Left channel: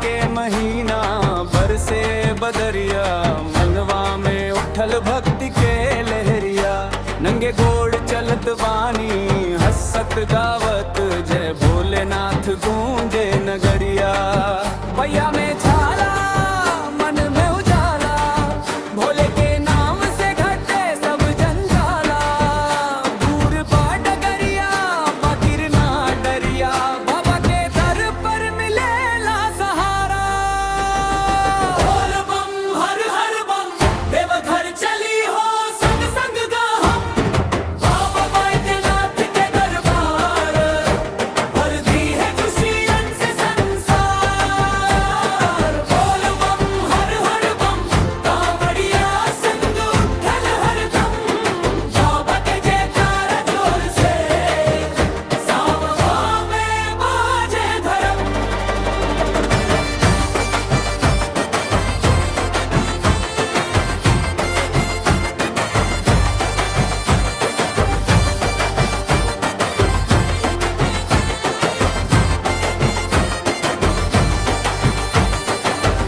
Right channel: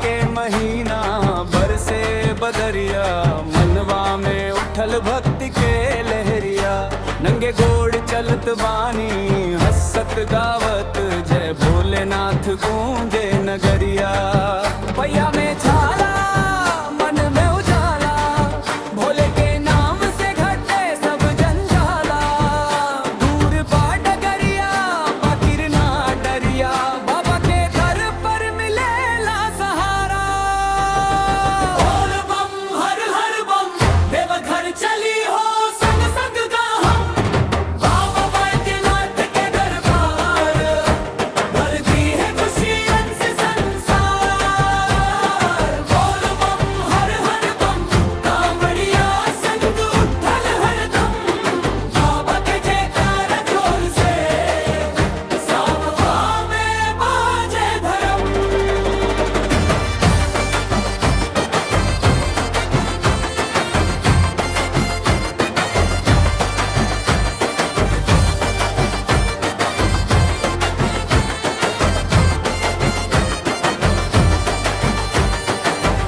के महीना बरसे बदरिया, मनवा में उठल भक्ति के लहरिया। नंगे गोड़ चलत बानी हंसत गावत, जय भोलेनाथ गूंजे नगरिया। पैया में छाला मन में उजाला, भोले के नाम से घटे सब जंजाला। दूर बा डगरिया बाकिर ना डरिया, बाबा के दर पर मिलेला सहारा। बोल बम हर हर बम, देवघर चली हो संग संग गा हम। बाबा बैद्यनाथ के दरबार भर दी है खुशियां से संसार। बोल बम हर हर बम, कांवड़िया संग उठल हरदम। बाबा के जयकार जोर से साववा में बाजे धर्म।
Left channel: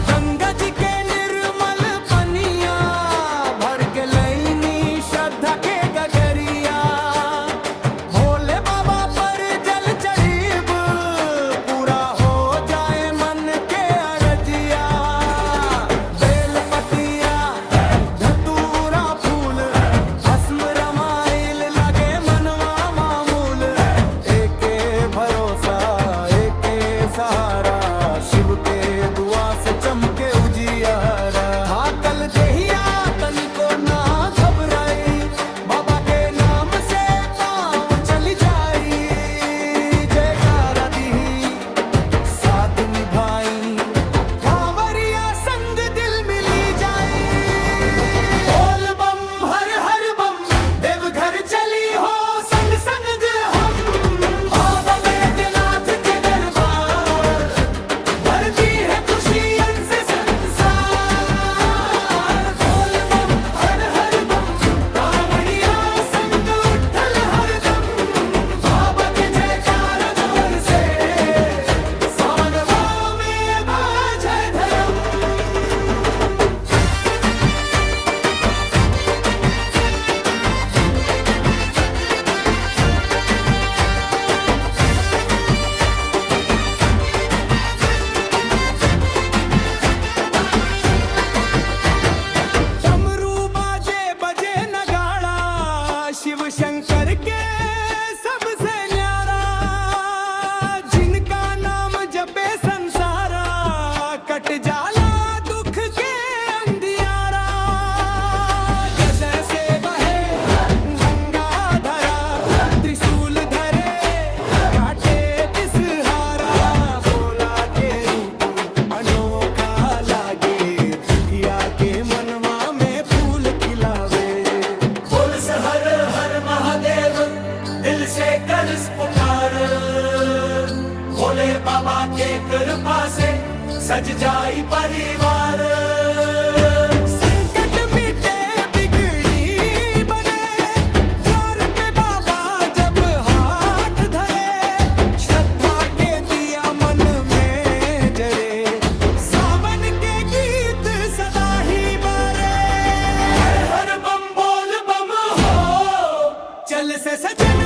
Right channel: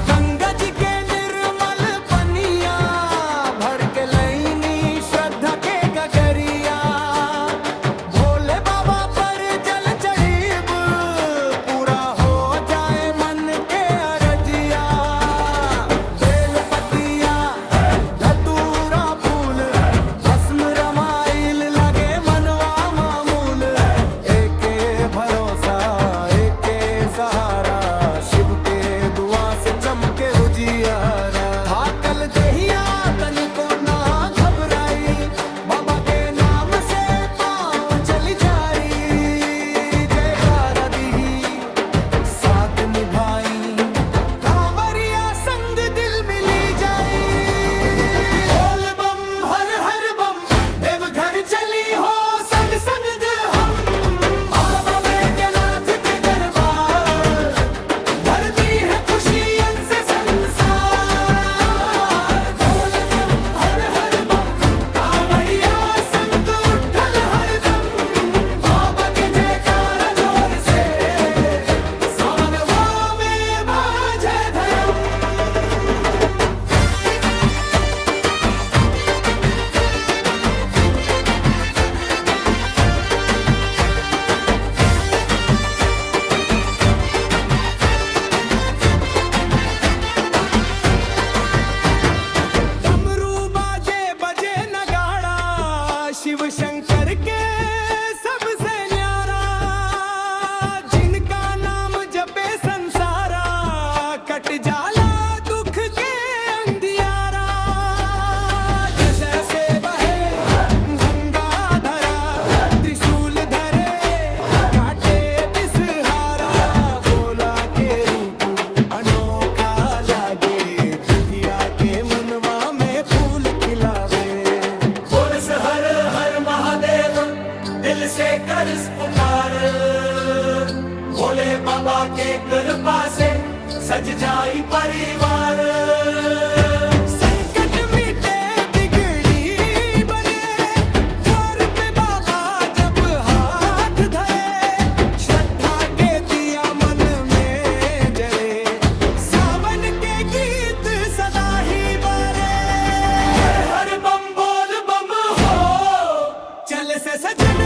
गंगा जी के निर्मल पनिया, भर के लईनी श्रद्धा के गगरिया। भोले बाबा पर जल चढ़ीब, पूरा हो जाए मन के अरजिया। बेल पतिया धतूरा फूल, भस्म रमाइल लगे मनवा मामूल। एके भरोसा एके सहारा, शिव के दुआ से चमके उजियारा। हाकल देहिया तनिको ना घबराई, बाबा के नाम से पाँव चली जाई। जयकारा दी साथ निभाई, कांवरिया संग दिल मिली जाई। बोल बम हर हर बम, देवघर चली हो संग संग हम। बाबा बैद्यनाथ के दरबार भरती है खुशियां से संसार। बोल बम हर हर बम, कांवड़िया संग उठल हरदम। बाबा के जयकारा जोर से सावनवा में बाजे धर्म। डमरू बाजे बजे नगाड़ा, शिव शंकर के सबसे न्यारा। जिनका नाम जपे संसारा, कट जाला दुख के अंधियारा। जैसे बहे गंगा धरा, त्रिशूल धरे काटे दिसहारा। बोला के रूप अनोखा लागे, दुखिया के मनवा में फूल खिलावे। बोल से हर हर महादेव, दिल से कर पुकार। भोले बाबा के कृपा से सज जाई परिवार। संकट मिटे बिगड़ी बने, द्वार पे बाबा जब हाथ धरे। श्रद्धा के दिया मन में जरे, सावन के गीत सदा ही बरे। हर हर बम बोल बम हो, चल से सजन